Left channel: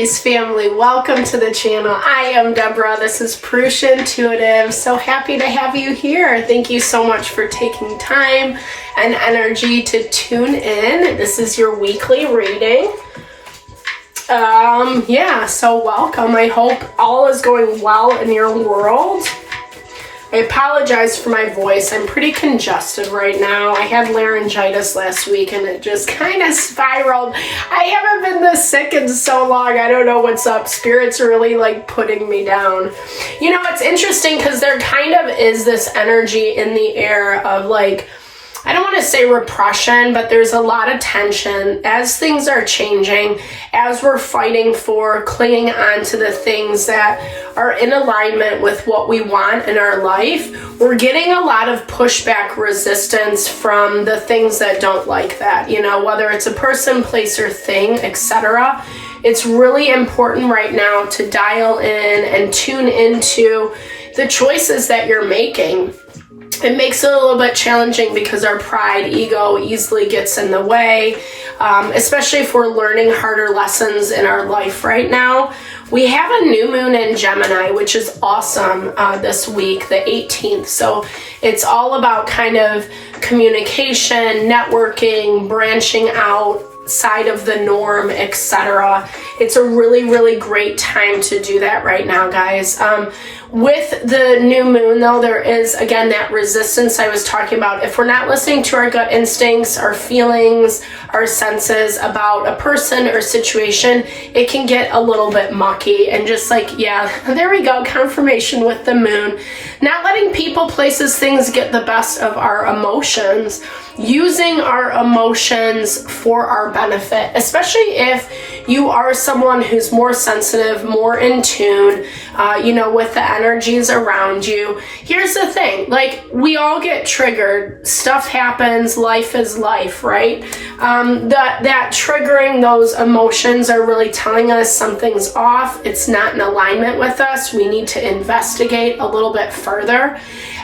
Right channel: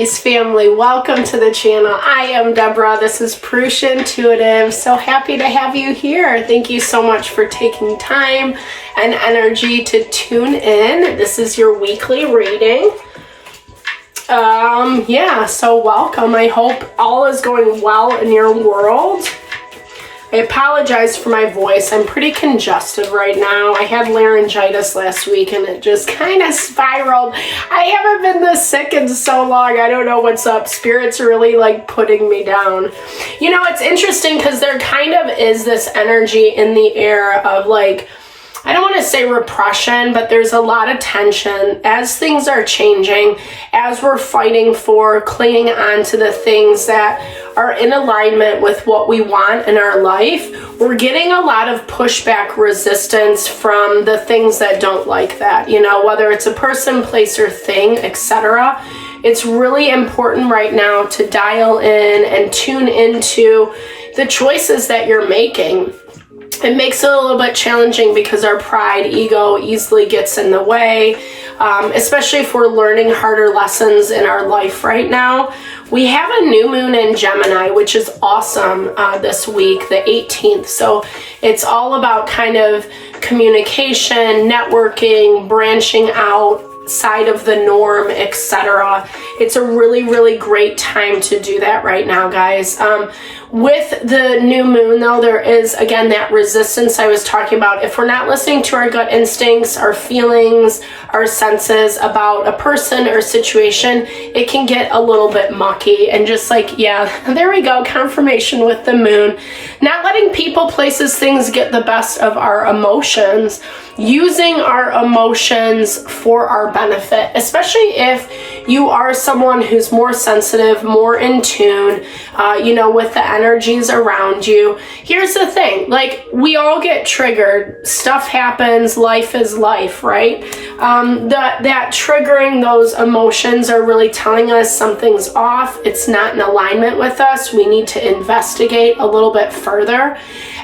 Aries family, welcome to the channel. I am Deborah. This is Purusha Intuitive. So happy to have you here. Thank you so much for taking time and energy to tune in. This is your weekly reading. So welcome. I hope all is going well in your world. I apologize for my voice. I'm pretty congested right now. I had laryngitis last week and it just kind of spiraled. I haven't been this sick in so long. I don't know what's up. Spirit's really like putting me down. You know, it's interesting because there kind of is this energy in the air of like, I don't want to say repression, but there's a lot of tension as things are changing, as we're fighting for clinging on to the things that are in alignment with what we want in our life. We're getting a lot of pushback resistance from the things that don't like that, you know, whether it's a person, place, or thing, etc. It's really important right now to dial in and tune into the choices that you're making. It makes it a little bit challenging because our pride, ego easily gets in the way, especially if we're learning harder lessons in our life right now. We have a new moon in Gemini, which is awesome this week, the 18th. So it's all about kind of communication, networking, branching outside of the norm, etc. It's a really, really great time to do that right now, guys. With the new moon, though, there is, again, that resistance I was talking about. If we're not listening to our gut instincts, our feelings, our senses about a person or situation, it can get a little bit mucky and just like, yeah, there we go, confirmation with the moon. Not letting people, places, things get the best of our emotions, using our emotions for our benefit, especially if you are someone who's more sensitive, more in tune, with the energies around you. Here's the thing, like, we all get triggered. Stuff happens, life is life, right? That triggering those emotions are really telling us something's off. It's not in alignment with us. We need to investigate a little bit further.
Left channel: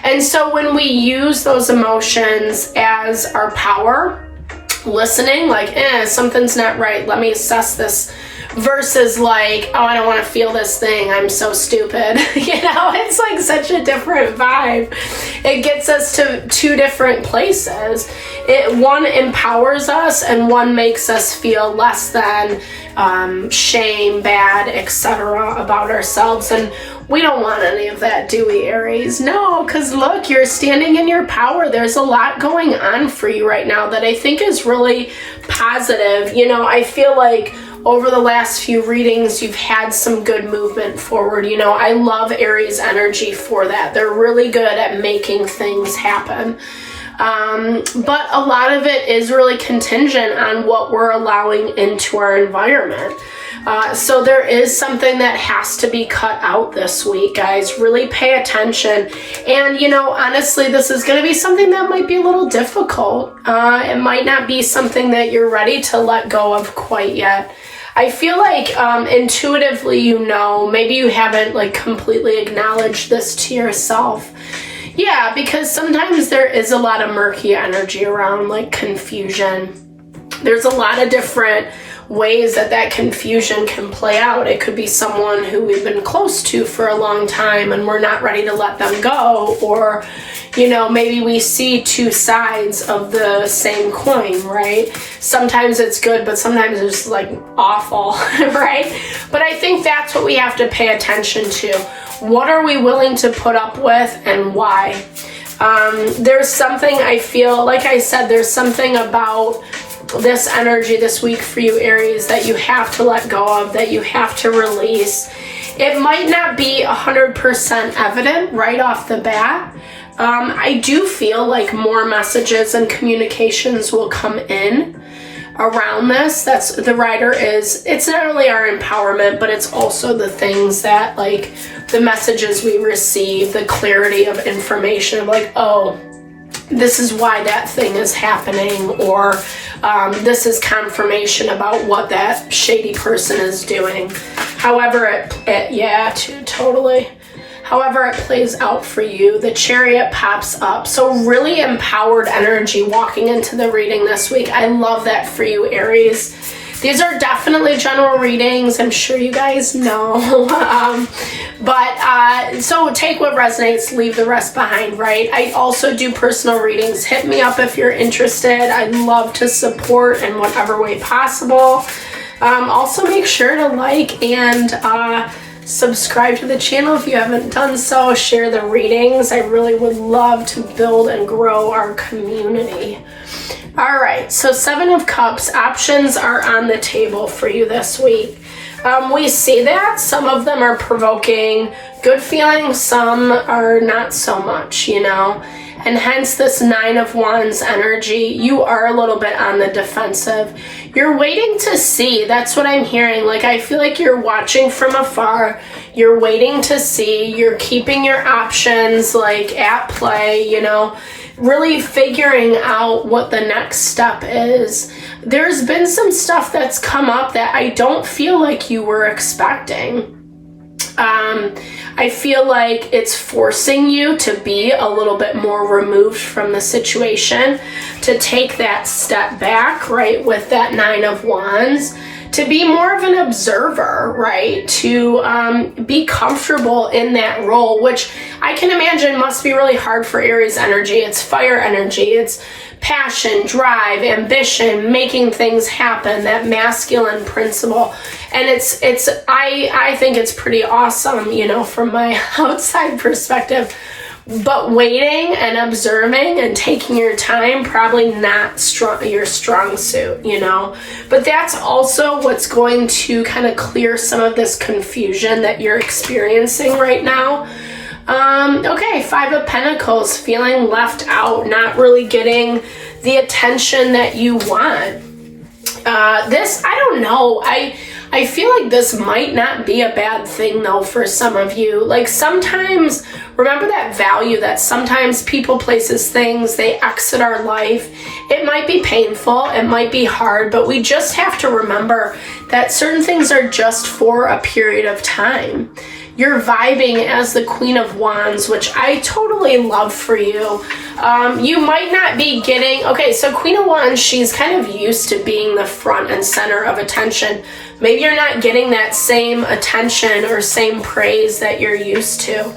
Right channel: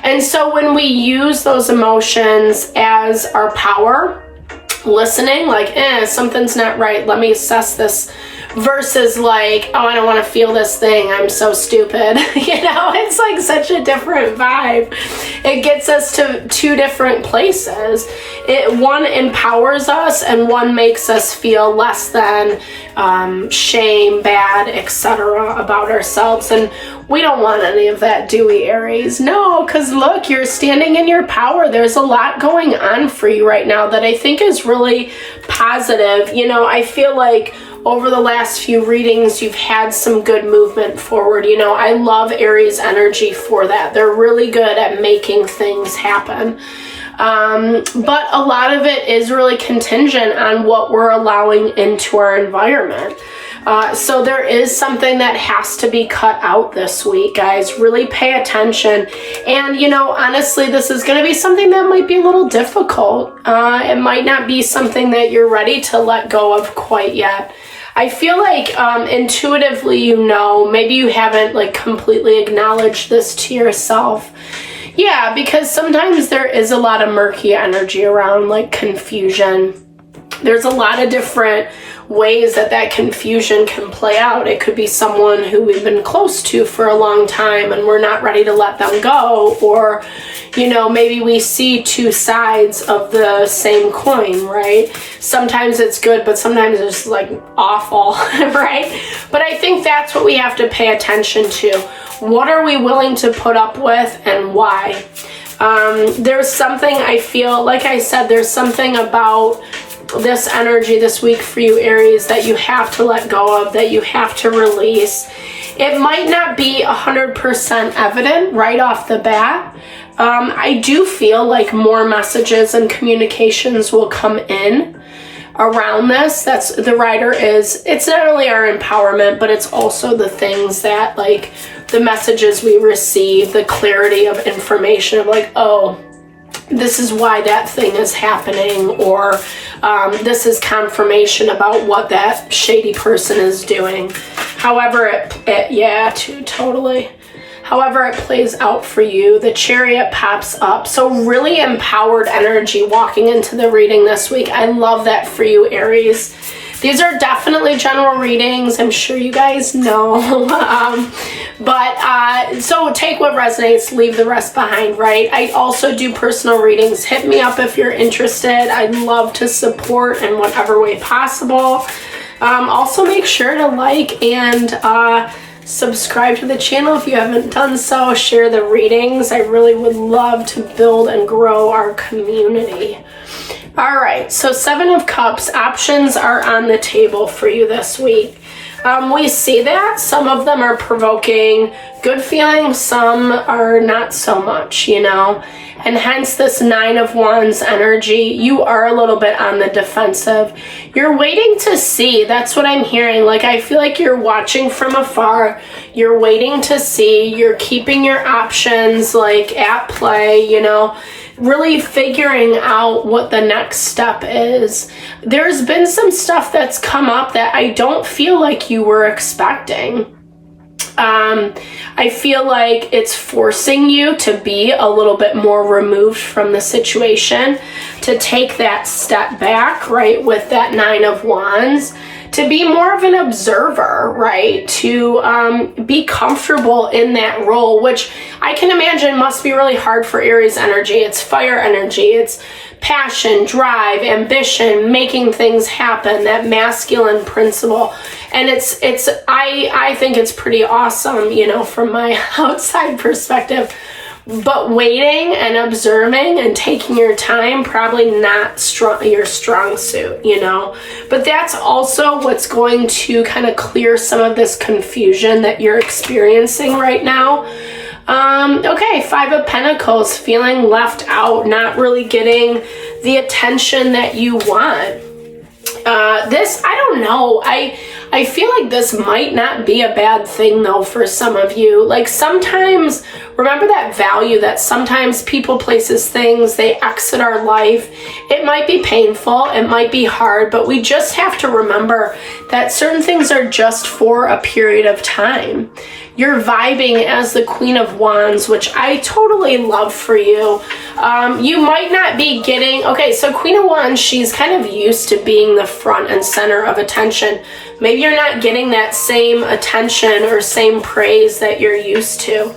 And so when we use those emotions as our power, listening, like, something's not right, let me assess this, versus like, oh, I don't want to feel this thing, I'm so stupid. It's like such a different vibe. It gets us to two different places. One empowers us and one makes us feel less than, shame, bad, etc. about ourselves. And we don't want any of that, do we, Aries? No, because look, you're standing in your power. There's a lot going on for you right now that I think is really positive. I feel like over the last few readings, you've had some good movement forward. I love Aries energy for that. They're really good at making things happen. But a lot of it is really contingent on what we're allowing into our environment. So there is something that has to be cut out this week, guys. Really pay attention. And, honestly, this is going to be something that might be a little difficult. It might not be something that you're ready to let go of quite yet. I feel like intuitively, maybe you haven't like completely acknowledged this to yourself. Yeah, because sometimes there is a lot of murky energy around, like confusion. There's a lot of different ways that confusion can play out. It could be someone who we've been close to for a long time and we're not ready to let them go, or maybe we see two sides of the same coin, right? Sometimes it's good, but sometimes it's like awful, right? But I think that's what we have to pay attention to. What are we willing to put up with and why? There's something I feel, like I said, there's something about this energy this week for you, Aries, that you have to let go of, that you have to release. It might not be 100% evident right off the bat. I do feel like more messages and communications will come in around this. That's the writer is, it's not only our empowerment, but it's also the things that, like, the messages we receive, the clarity of information of like, oh, this is why that thing is happening, or this is confirmation about what that shady person is doing. However However it plays out for you, the Chariot pops up. So really empowered energy walking into the reading this week. I love that for you, Aries. These are definitely general readings. I'm sure you guys know. So take what resonates, leave the rest behind, right? I also do personal readings. Hit me up if you're interested. I'd love to support in whatever way possible. Also make sure to like and subscribe to the channel if you haven't done so. Share the readings. I really would love to build and grow our community. All right, so 7 of Cups, options are on the table for you this week. We see that some of them are provoking good feelings, some are not so much, you know, and hence this 9 of Wands energy. You are a little bit on the defensive. You're waiting to see. That's what I'm hearing. Like, I feel like you're watching from afar. You're waiting to see. You're keeping your options like at play, you know, really figuring out what the next step is. There's been some stuff that's come up that I don't feel like you were expecting. I feel like it's forcing you to be a little bit more removed from the situation, to take that step back, right, with that 9 of Wands, to be more of an observer, right, to be comfortable in that role, which I can imagine must be really hard for Aries energy. It's fire energy. It's passion, drive, ambition, making things happen, that masculine principle. And I think it's pretty awesome, you know, from my outside perspective. But waiting and observing and taking your time, probably not your strong suit, you know. But that's also what's going to kind of clear some of this confusion that you're experiencing right now. Okay, 5 of Pentacles, feeling left out, not really getting the attention that you want. This, I don't know. I feel like this might not be a bad thing though for some of you. Like, sometimes, remember that value that sometimes people, places, things, they exit our life. It might be painful, it might be hard, but we just have to remember that certain things are just for a period of time. You're vibing as the Queen of Wands, which I totally love for you. You might not be getting, okay, so Queen of Wands, she's kind of used to being the front and center of attention. Maybe you're not getting that same attention or same praise that you're used to.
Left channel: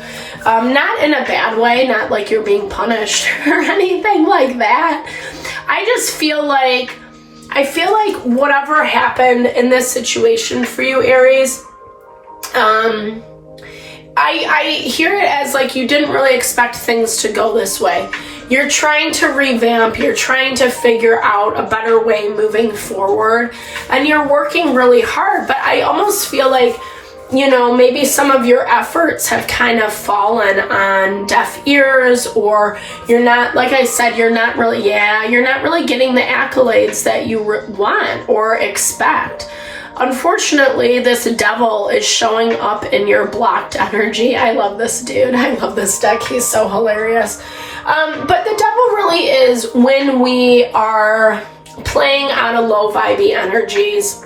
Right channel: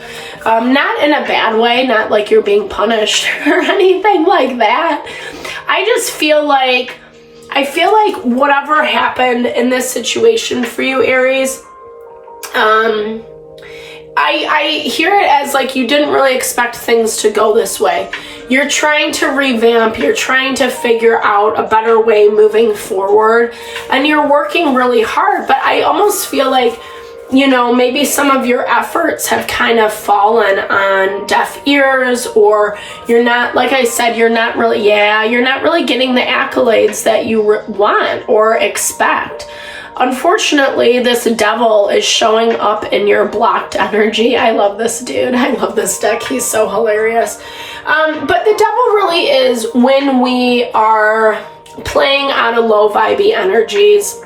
Not in a bad way, not like you're being punished or anything like that. I just feel like, whatever happened in this situation for you, Aries, I hear it as like you didn't really expect things to go this way. You're trying to revamp, you're trying to figure out a better way moving forward, and you're working really hard, but I almost feel like, you know, maybe some of your efforts have kind of fallen on deaf ears, or you're not, like I said, you're not really getting the accolades that you want or expect. Unfortunately, this devil is showing up in your blocked energy. I love this dude. I love this deck. He's so hilarious. But the devil really is when we are playing on a low vibey energies.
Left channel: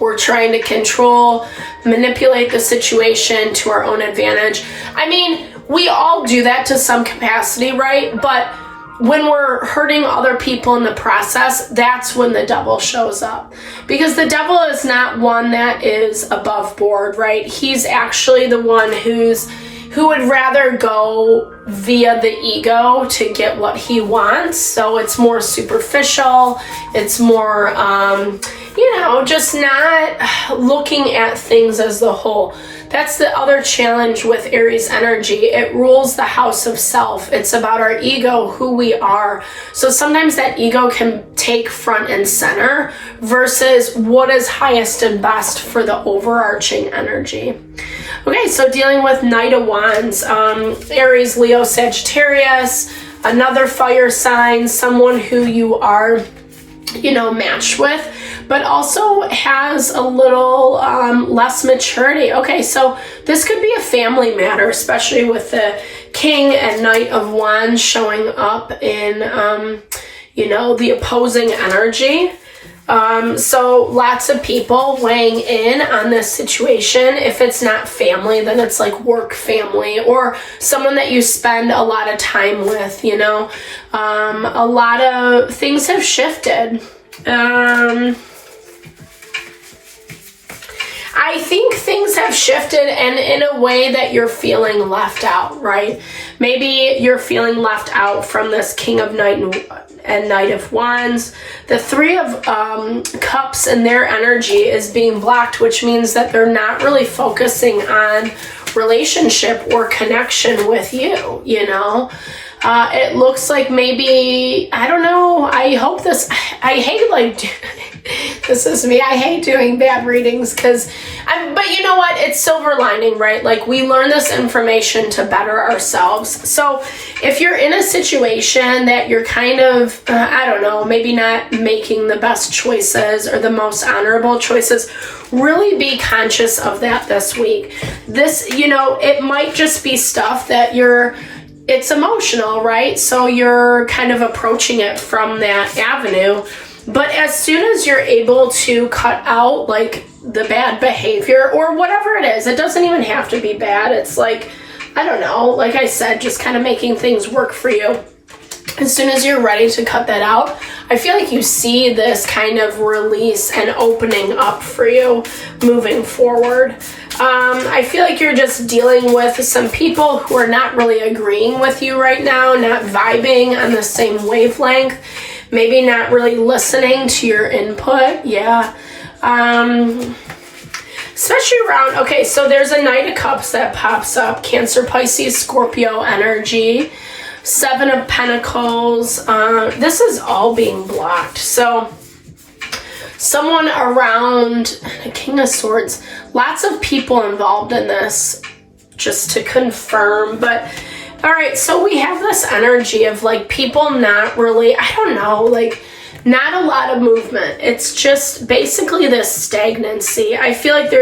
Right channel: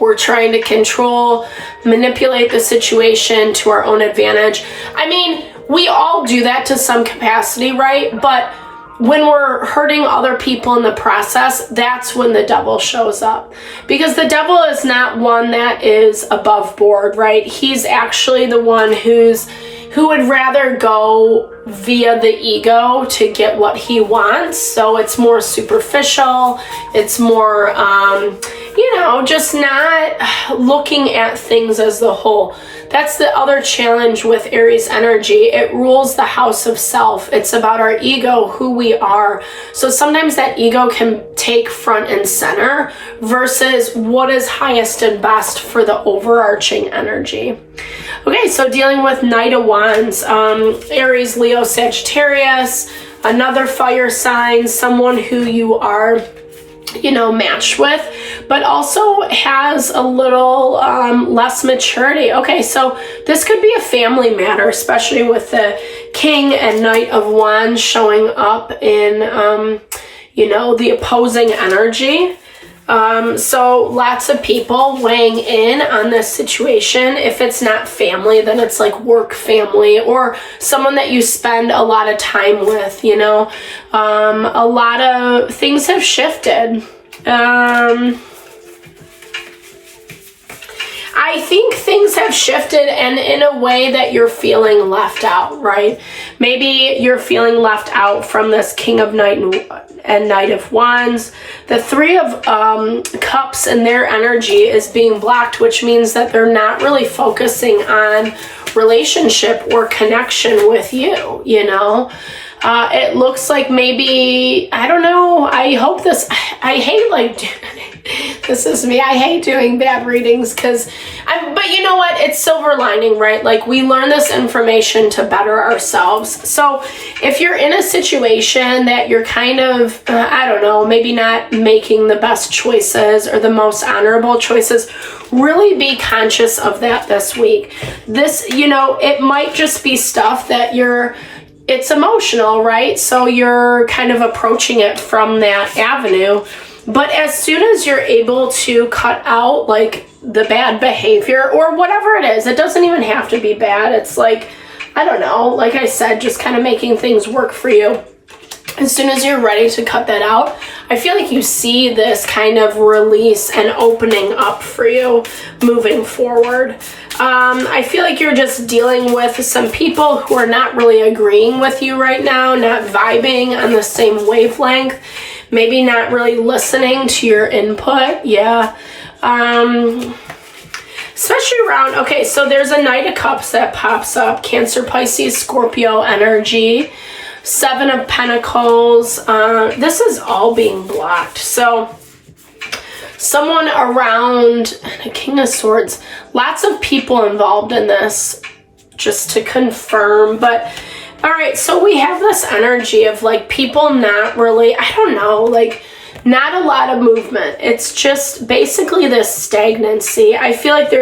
We're trying to control, manipulate the situation to our own advantage. I mean, we all do that to some capacity, right? But when we're hurting other people in the process, that's when the devil shows up. Because the devil is not one that is above board, right? He's actually the one who would rather go via the ego to get what he wants. So it's more superficial. It's more, just not looking at things as the whole. That's the other challenge with Aries energy. It rules the house of self. It's about our ego, who we are. So sometimes that ego can take front and center versus what is highest and best for the overarching energy. Okay, so dealing with Knight of Wands, Aries, Leo, Sagittarius, another fire sign, someone who you are, matched with, but also has a little less maturity. Okay, so this could be a family matter, especially with the King and Knight of Wands showing up in, the opposing energy. So lots of people weighing in on this situation. If it's not family, then it's like work family or someone that you spend a lot of time with, a lot of things have shifted. I think things have shifted, and in a way that you're feeling left out, right? Maybe you're feeling left out from this King of Knight and Knight of Wands. The Three of Cups and their energy is being blocked, which means that they're not really focusing on relationship or connection with you, you know? It looks like maybe, I don't know, I hope this, I hate this is me, I hate doing bad readings but you know what, it's silver lining, right? Like, we learn this information to better ourselves. So if you're in a situation that you're kind of, I don't know, maybe not making the best choices or the most honorable choices, really be conscious of that this week. This, you know, it might just be stuff that it's emotional, right? So you're kind of approaching it from that avenue. But as soon as you're able to cut out like the bad behavior or whatever it is, it doesn't even have to be bad. It's like, I don't know, like I said, just kind of making things work for you. As soon as you're ready to cut that out, I feel like you see this kind of release and opening up for you moving forward. I feel like you're just dealing with some people who are not really agreeing with you right now, not vibing on the same wavelength, maybe not really listening to your input. Yeah. Especially around, okay, so there's a Knight of Cups that pops up, Cancer, Pisces, Scorpio energy, Seven of Pentacles. This is all being blocked. So someone around the King of Swords, lots of people involved in this, just to confirm. But all right, so we have this energy of like people not really, I don't know, like not a lot of movement. It's just basically this stagnancy. I feel like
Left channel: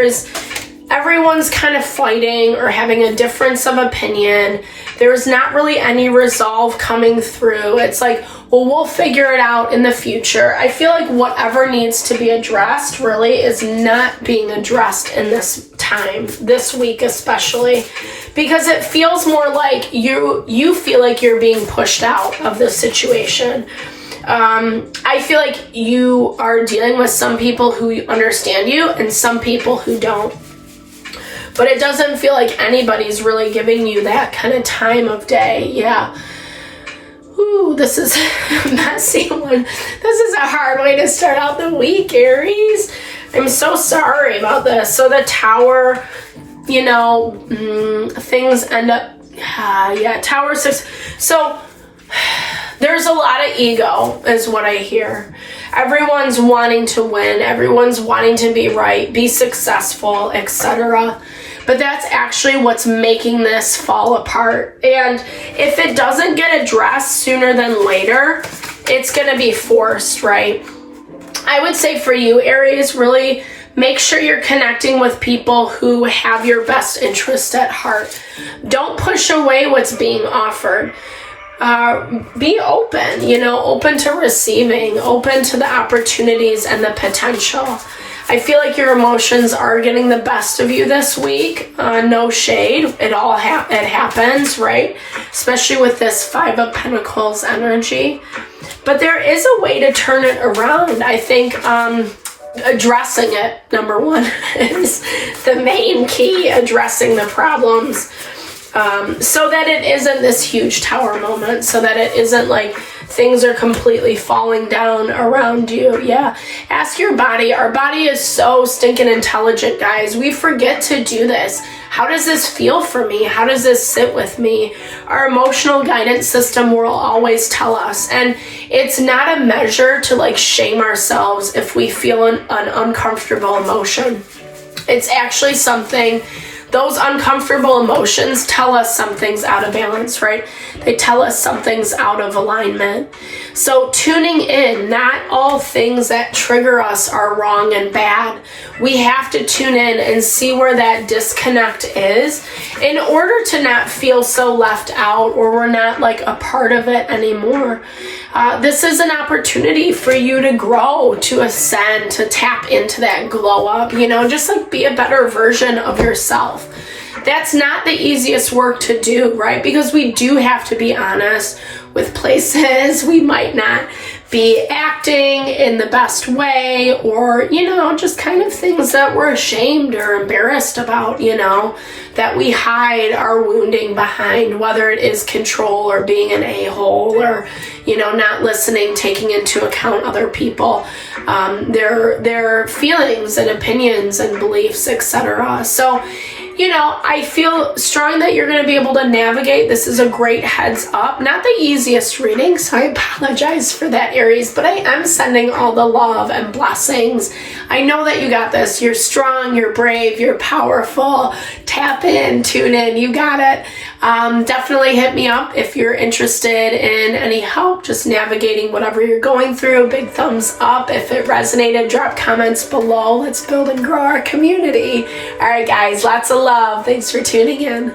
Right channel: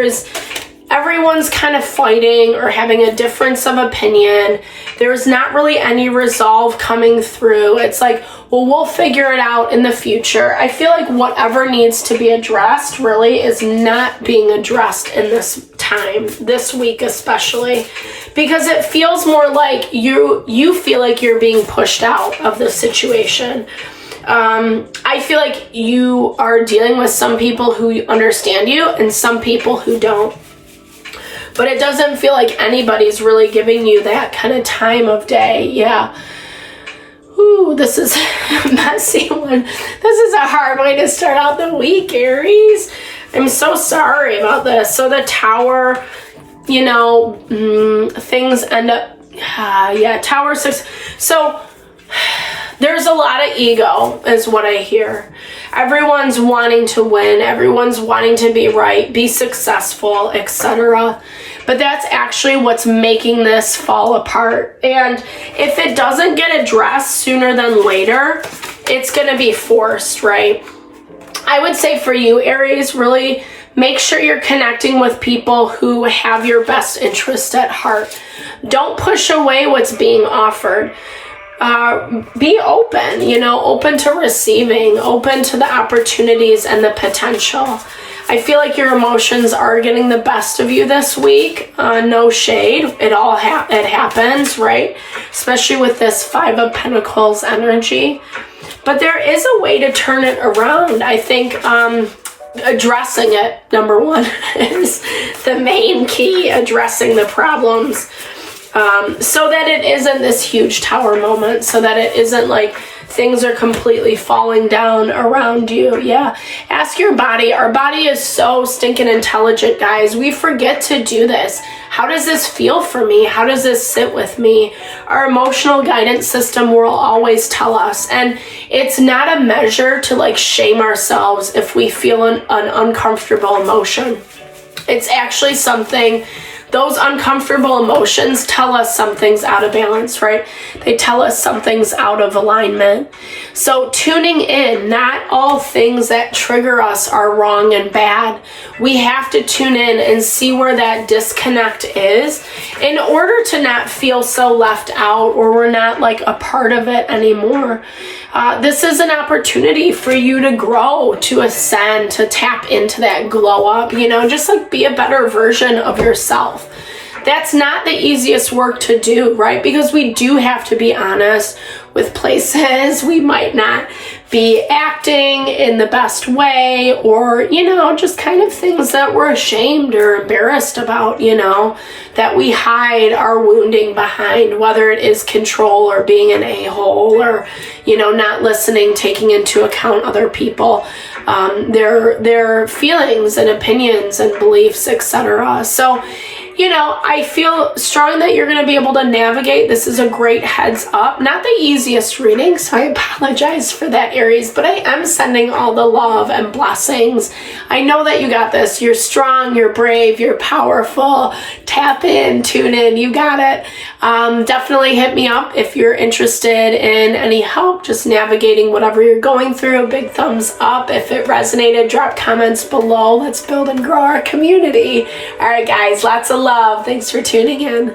everyone's kind of fighting or having a difference of opinion. There's not really any resolve coming through. It's like, well, we'll figure it out in the future. I feel like whatever needs to be addressed really is not being addressed in this time, this week especially, because it feels more like you feel like you're being pushed out of the situation. I feel like you are dealing with some people who understand you and some people who don't. But it doesn't feel like anybody's really giving you that kind of time of day. Yeah. Ooh, this is a messy one. This is a hard way to start out the week, Aries. I'm so sorry about this. So the Tower, you know, things end up, Tower 6. So there's a lot of ego is what I hear. Everyone's wanting to win. Everyone's wanting to be right, be successful, etc. But that's actually what's making this fall apart. And if it doesn't get addressed sooner than later, it's going to be forced, right? I would say for you, Aries, really make sure you're connecting with people who have your best interest at heart. Don't push away what's being offered. Be open, open to receiving, open to the opportunities and the potential. I feel like your emotions are getting the best of you this week. No shade. It all it happens, right? Especially with this Five of Pentacles energy. But there is a way to turn it around. I think addressing it, number one, is the main key, addressing the problems. So that it isn't this huge tower moment, so that it isn't like things are completely falling down around you. Yeah. Ask your body. Our body is so stinking intelligent, guys. We forget to do this. How does this feel for me? How does this sit with me? Our emotional guidance system will always tell us. And it's not a measure to like shame ourselves if we feel an uncomfortable emotion. It's actually something. Those uncomfortable emotions tell us something's out of balance, right? They tell us something's out of alignment. So tuning in, not all things that trigger us are wrong and bad. We have to tune in and see where that disconnect is in order to not feel so left out or we're not like a part of it anymore. This is an opportunity for you to grow, to ascend, to tap into that glow up, just like be a better version of yourself. That's not the easiest work to do, right? Because we do have to be honest with places we might not be acting in the best way, or, you know, just kind of things that we're ashamed or embarrassed about, you know, that we hide our wounding behind, whether it is control or being an a-hole or, you know, not listening, taking into account other people, their feelings and opinions and beliefs, etc. So, you know, I feel strong that you're going to be able to navigate. This is a great heads up. Not the easiest reading, so I apologize for that, Aries, but I am sending all the love and blessings. I know that you got this. You're strong, you're brave, you're powerful. Tap in, tune in, you got it. Definitely hit me up if you're interested in any help just navigating whatever you're going through. Big thumbs up if it resonated. Drop comments below. Let's build and grow our community. All right, guys, lots of love. Thanks for tuning in.